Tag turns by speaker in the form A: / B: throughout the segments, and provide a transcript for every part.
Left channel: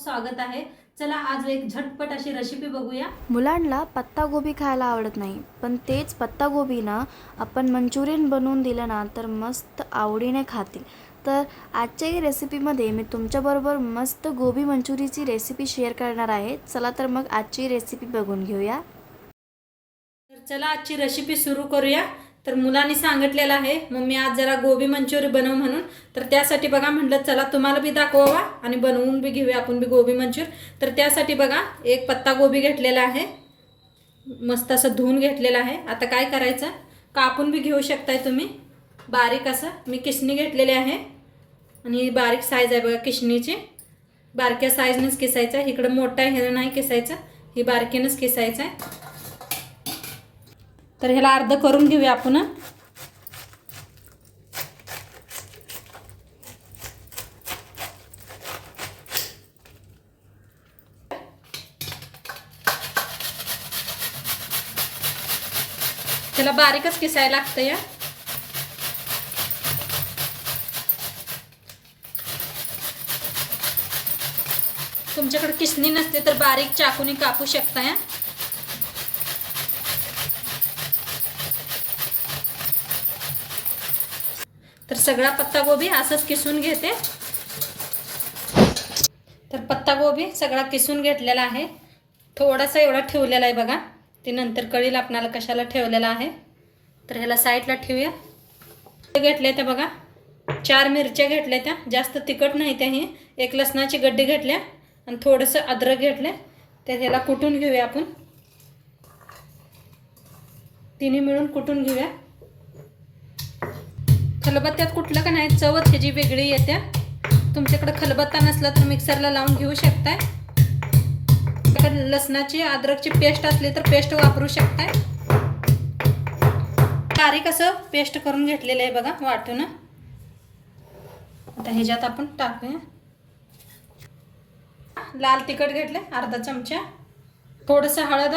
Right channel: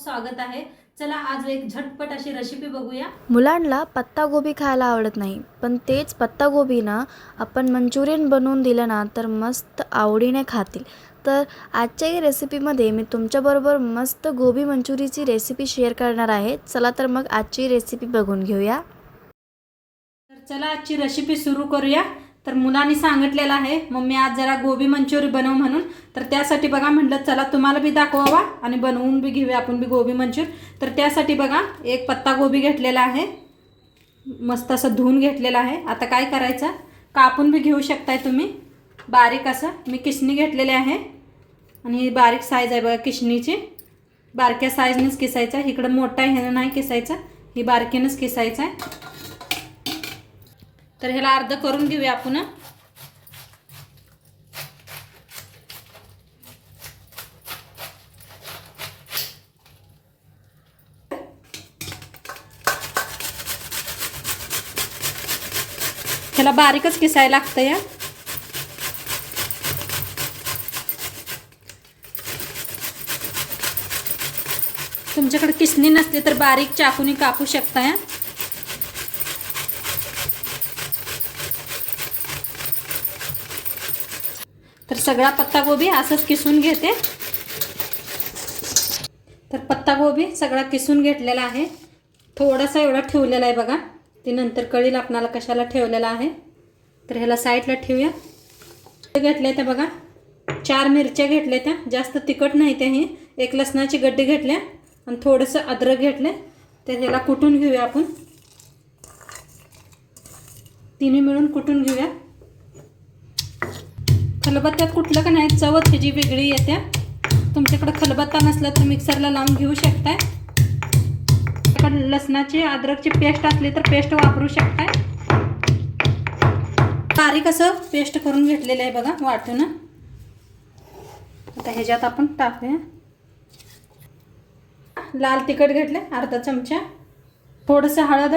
A: स्वागत आहे. चला आज एक झटपट अशी रेसिपी बघूया.
B: मुलांना पत्तागोबी खायला आवडत नाही पण तेच पत्तागोबी ना आपण मंचुरियन बनवून दिलं ना तर मस्त आवडीने खातील. तर आजच्या या रेसिपीमध्ये मी तुमच्याबरोबर मस्त गोबी मंचुरीची रेसिपी शेअर करणार आहे. चला तर मग आजची रेसिपी बघून घेऊया.
A: तर चला आजची रेसिपी सुरू करूया. तर मुलांनी सांगितलेलं आहे मम्मी आज जरा गोबी मंचुरी बनव म्हणून. तर त्यासाठी बघा म्हटलं चला तुम्हाला बी दाखवावा आणि बनवून बी घेऊया आपण बी गोबी मंचूर. तर त्यासाठी बघा एक पत्ता गोबी घेतलेला आहे. मस्त असं धुवून घेतलेलं आहे. आता काय करायचं? कापून बी घेऊ शकताय तुम्ही. बारीक असं. मी किसणी घेतलेली आहे. आणि बारीक साईज आहे बघा किसणीची बारक्या साईजनंच किसायचं. इकडं मोठा ह्यानं नाही किसायचं. ही बारकीनंच किसायचं आहे. तर ह्याला अर्ध करून घेऊया आपण. ह्याला बारीकच किसायला लागतं या. तुमच्याकडे किसणी नसते तर बारीक चाकूने कापू शकता या. सगळा पत्तागोबी असंच किसून घेते. तर पत्तागोबी सगळा किसून घेतलेला आहे. थोडासा एवढा ठेवलेला आहे बघा. ते नंतर कळील आपणाला कशाला ठेवलेला आहे. तर ह्याला साईडला ठेवूया. घेतल्या त्या बघा. चार मिरच्या घेतल्या त्या. जास्त तिखट नाही त्या ही. एक लसणाची गड्डी घेतल्या आणि थोडंसं अद्रक घेतलं तर ह्याला कुटून घेऊया आपण? तिन्ही मिळून कुटून घेऊया? खलबत्त्यात कुठलं का नाही? चवत ह्याची वेगळी येते तुमच्याकडे खलबत्ता नसला तर मिक्सरला लावून घेऊ शकताय. लसणाची अद्रकची पेस्ट असली तर पेस्ट वापरू शकताय. बारीक असं पेस्ट करून घेतलेलं आहे बघा वाटून. आता ह्याच्यात आपण टाकूया. लाल तिखट घेतले अर्धा चमचा. थोडंसं हळद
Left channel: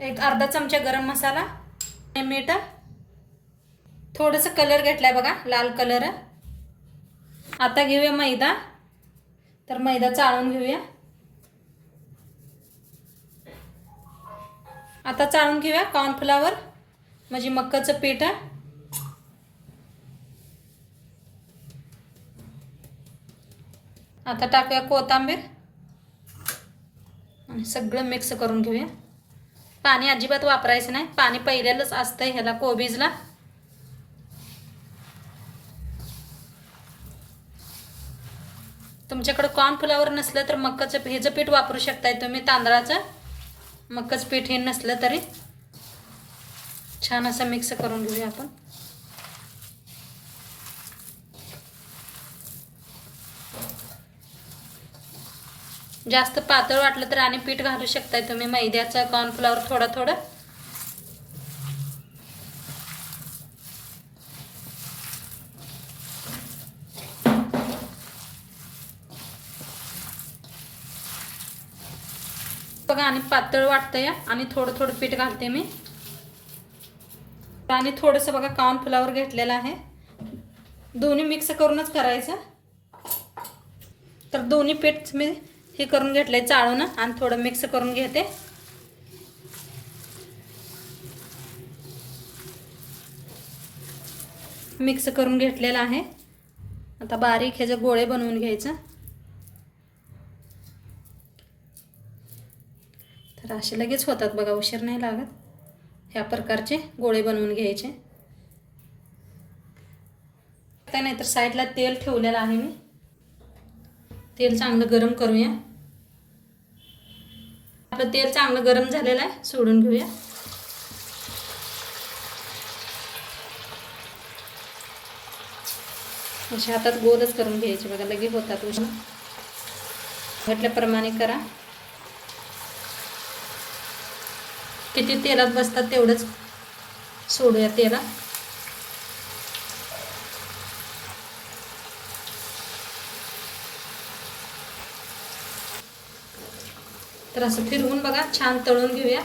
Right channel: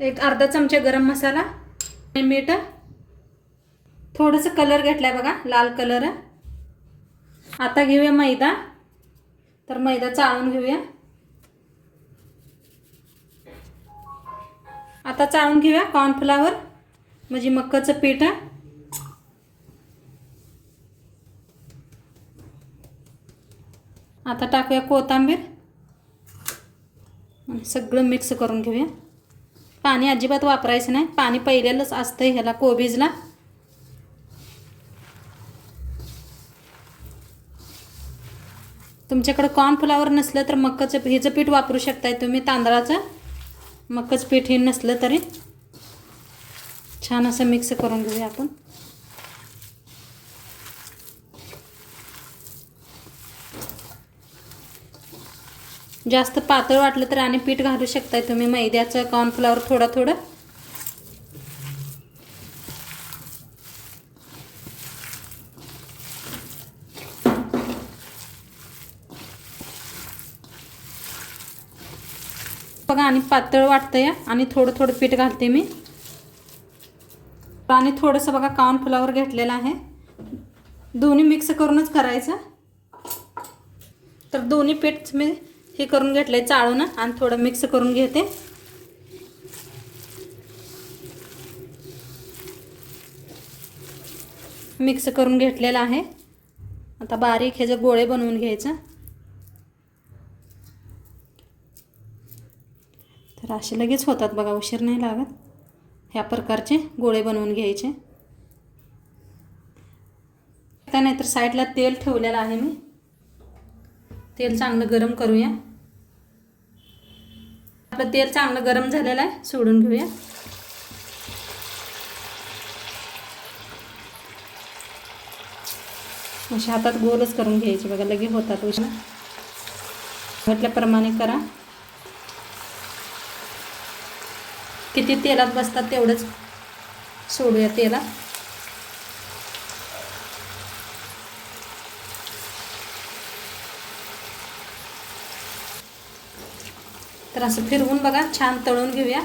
A: एक अर्धा चमचा गरम मसाला मीठ थोडंसं कलर घेतला आहे बघा लाल कलर. आता घेऊया मैदा. तर मैदा चाळून घेऊया. आता चाळून घेऊया कॉर्नफ्लावर म्हणजे मक्काचं पीठ. आता टाकूया कोथांबीर. आणि सगळं मिक्स करून घेऊया. पाणी अजिबात वापरायचं नाही. पाणी पहिल्यालाच असतं ह्याला कोबीजला. तुमच्याकडं कॉर्नफ्लावर नसलं तर मक्काचं ह्याचं पीठ वापरू शकताय तुम्ही तांदळाचं मक्काचं पीठ हे नसलं तरी छान असं मिक्स करून घेऊया आपण. जास्त पातळ वाटलं तर आणि पीठ घालू शकताय तुम्ही मैद्याचं कॉर्नफ्लॉवर थोडं थोडं बघा आणि पातळ वाटतं या आणि थोडं थोडं पीठ घालते मी. आणि थोडंसं बघा कॉर्नफ्लॉवर घेतलेलं आहे. दोन्ही मिक्स करूनच करायचं. तर दोन्ही पीठ मी हे करून घेतलंय चाळून आणि थोडं मिक्स करून घेते. मिक्स करून घेतलेलं आहे. आता बारीक ह्याचे गोळे बनवून घ्यायचं. तर असे लगेच होतात बघा उशीर नाही लागत. ह्या प्रकारचे गोळे बनवून घ्यायचे. त्यानंतर साईडला तेल ठेवलेलं आहे मी. तेल चांगलं गरम करूया. आपलं तेल चांगलं गरम झालेलं आहे सोडून घेऊया. अशा हातात गोलच करून घ्यायचे बघा लगे होतात उष्ण म्हटल्याप्रमाणे करा. किती तेलात बसतात तेवढंच सोडूया तेला तर असं फिरवून बघा छान तळून घेऊया.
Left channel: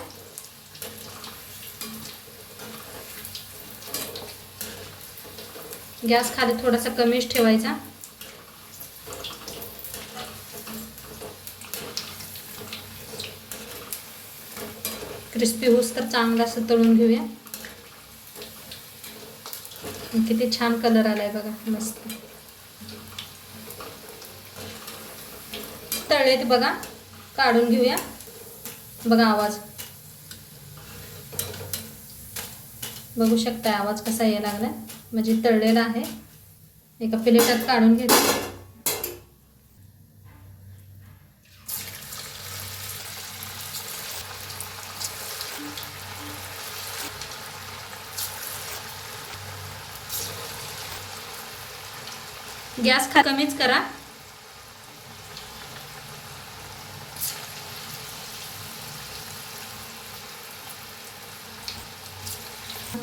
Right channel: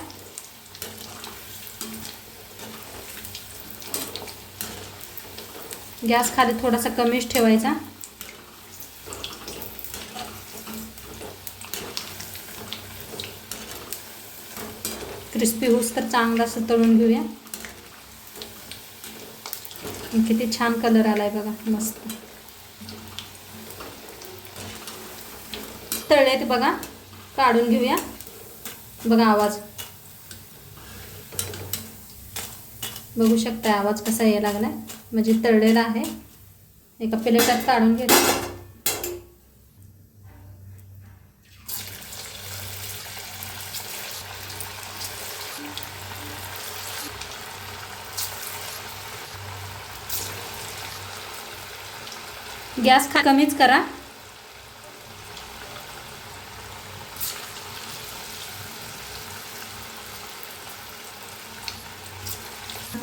A: गॅस खाली थोडासा कमीच ठेवायचा. क्रिस्पी होस तर चांगला असं तळून घेऊया. किती छान कलर आलाय बघा मस्त. तळलेत बघा काढून घेऊया. बघा आवाज. बघू शकता आवाज कसा यायला लागलाय. म्हणजे तळलेला आहे. एका प्लेटात काढून घेतो गॅस खा कमीच करा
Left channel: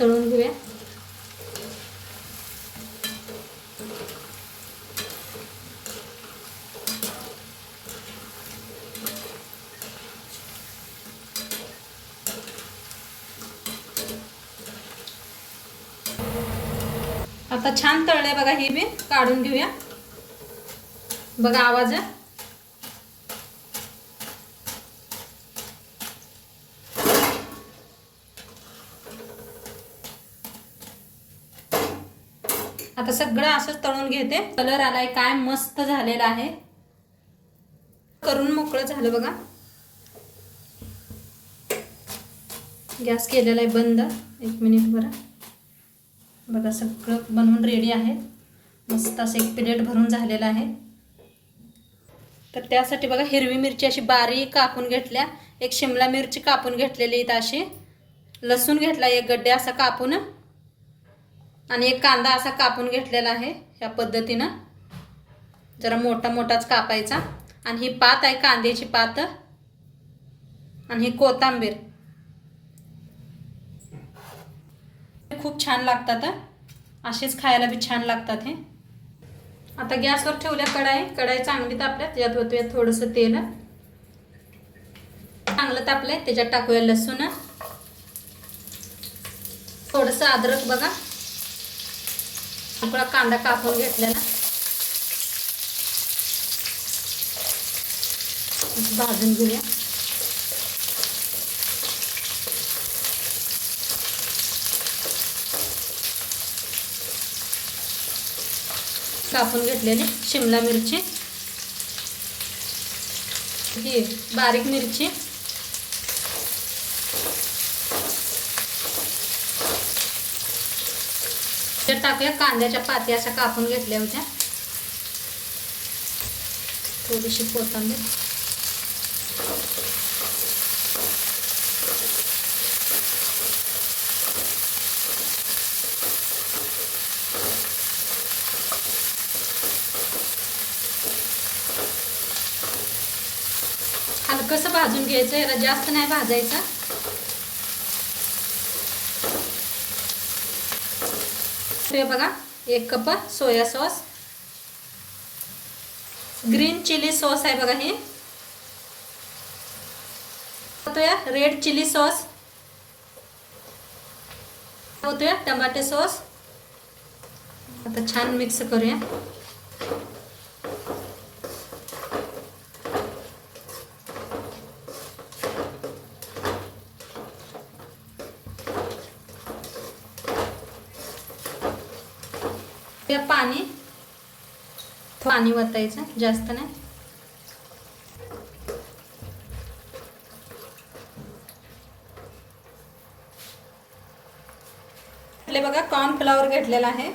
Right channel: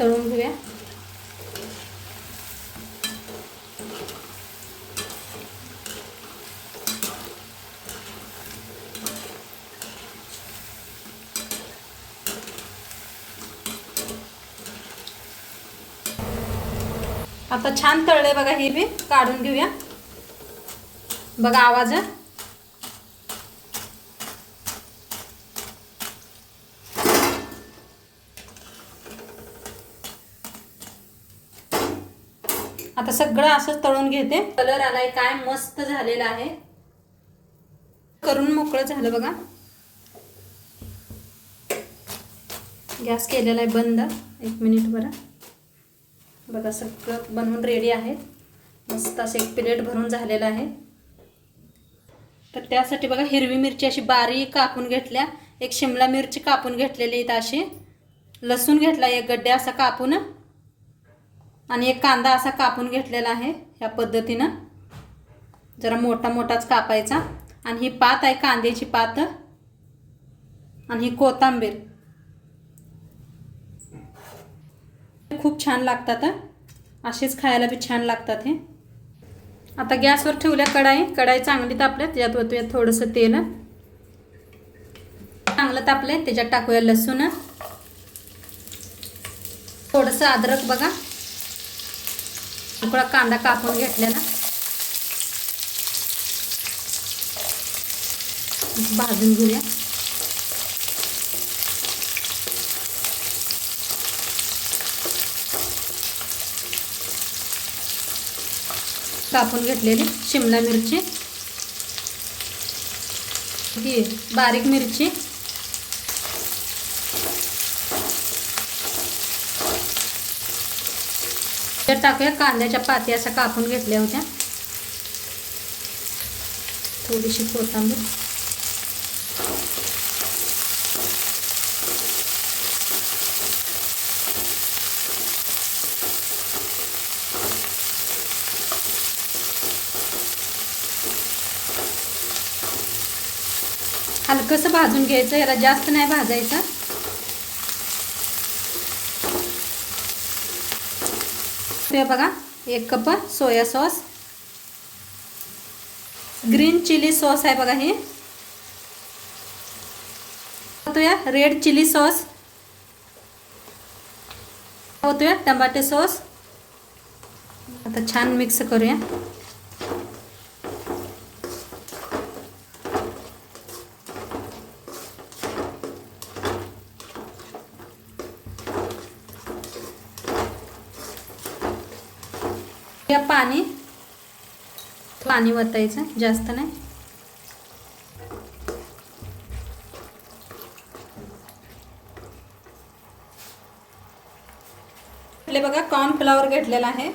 A: तळून घेऊया आता छान तळले बघा हे मी काढून घेऊया. बघा आवाज. आता सगळं असंच तळून घेते. कलर आलाय काय मस्त झालेला आहे. करून मोकळं झालं बघा. गॅस केलेला आहे बंद. एक मिनिट बरं. बघा सगळं बनवून रेडी आहे. मस्त असं एक प्लेट भरून झालेलं आहे. तर त्यासाठी बघा हिरवी मिरची अशी बारीक कापून घेतल्या. एक शिमला मिरची कापून घेतलेली आहेत अशी. लसूण घेतला एक गड्डे असा कापून. आणि एक कांदा असा कापून घेतलेला आहे ह्या पद्धतीनं. जरा मोठा मोठाच कापायचा. आणि ही पात आहे कांद्याची पात. आणि ही कोथांबीर. खूप छान लागतात असेच खायला बी छान लागतात हे. आता गॅसवर ठेवल्या कढाई. कढाई चांगली तापल्यात त्याच्यात होतूया थोडंसं तेल. चांगलं तापलंय त्याच्यात टाकूया लसूण. थोडंसं अद्रक बघा. थोडा कांदा कापून घेतलेला. भाजून घेऊया. कापून घेतलेली शिमला मिरची. ही बारीक मिरची. तर टाकूया कांद्याच्या पाती अशा कापून घेतल्या होत्या. थोडीशी कोथांबीर. हलकंसं भाजून घ्यायचं? याला जास्त नाही भाजायचं. ते बघा एक cup soya sauce. Green chilli sauce आहे बघा हे. होतोया रेड चिली सॉस. होतोया टमाटे सॉस. आता छान मिक्स करूया. या पाणी. पाणी वतायचं जास्त नाही. आपले बघा कॉर्नफ्लॉवर घेतलेला आहे.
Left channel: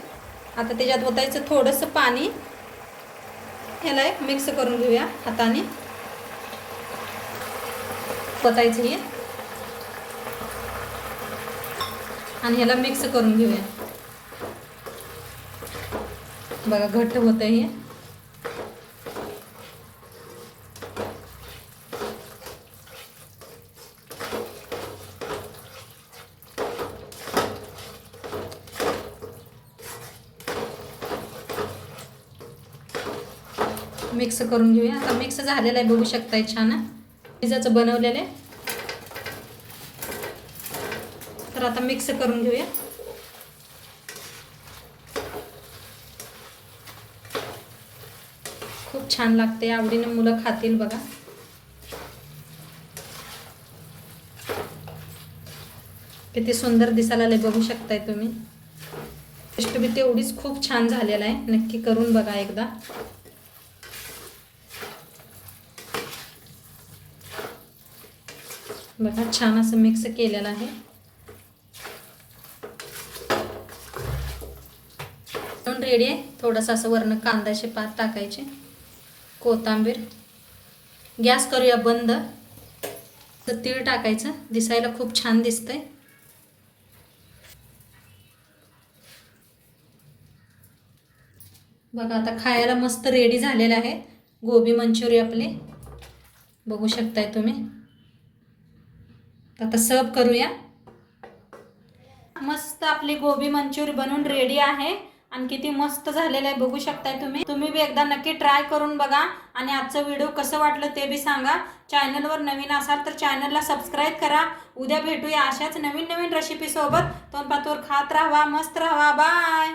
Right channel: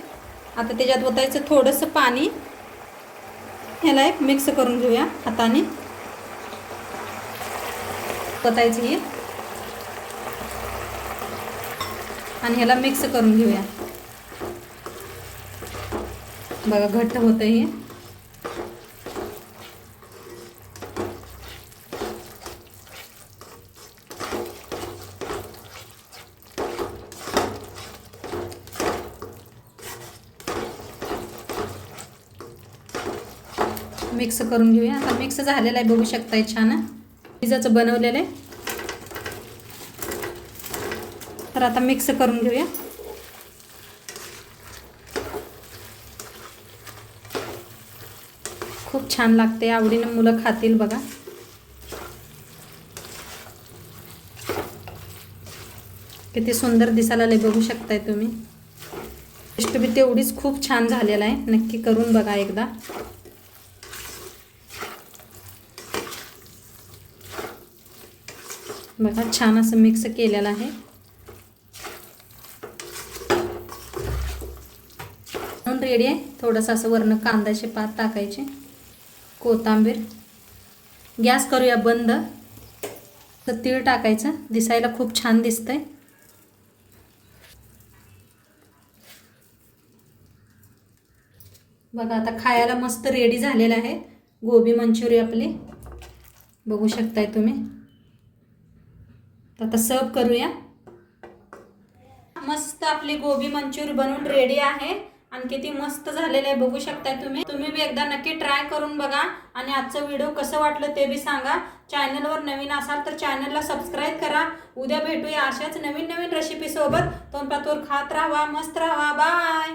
A: आता त्याच्यात वतायचं थोडंसं पाणी. ह्याला एक मिक्स करून घेऊया हाताने. वतायचं हे. आणि ह्याला मिक्स करून घेऊया. बघा घट्ट होत हे. मिक्स करून घेऊया. आता मिक्स झालेलं आहे बघू शकताय छान. पिझ्झाचं बनवलेलं आहे. तर आता मिक्स करून घेऊया. खूप छान लागते आवडीनं मुलं खातील बघा. किती सुंदर दिसायला आले बघू शकताय तुम्ही. टेस्ट तेवढीच खूप छान झालेला आहे नक्की करून बघा एकदा. बघा छान असं मिक्स केलेलं आहे. रेडी आहे थोडंसं असं वरनं कांद्याचे पात टाकायचे. कोथिंबीर. गॅस करूया बंद. तर तीळ टाकायचं. दिसायला खूप छान दिसतंय. बघा आता खायला मस्त रेडी झालेलं आहे. गोबी मंचुरी आपली. बघू शकताय तुम्ही. तर आता सर्व करूया. मस्त आपली गोबी मंचुरी बनवून रेडी आहे. आणि किती मस्त झालेलं आहे. बघू शकताय तुम्ही. तुम्ही बी एकदा नक्की ट्राय करून बघा. आणि आजचं व्हिडिओ कसं वाटलं ते बी सांगा. चॅनलवर नवीन असाल तर चॅनलला सबस्क्राईब करा. उद्या भेटूया अशाच नवीन नवीन रेसिपी सोबत. तोंड खात राहा मस्त राहा. बाय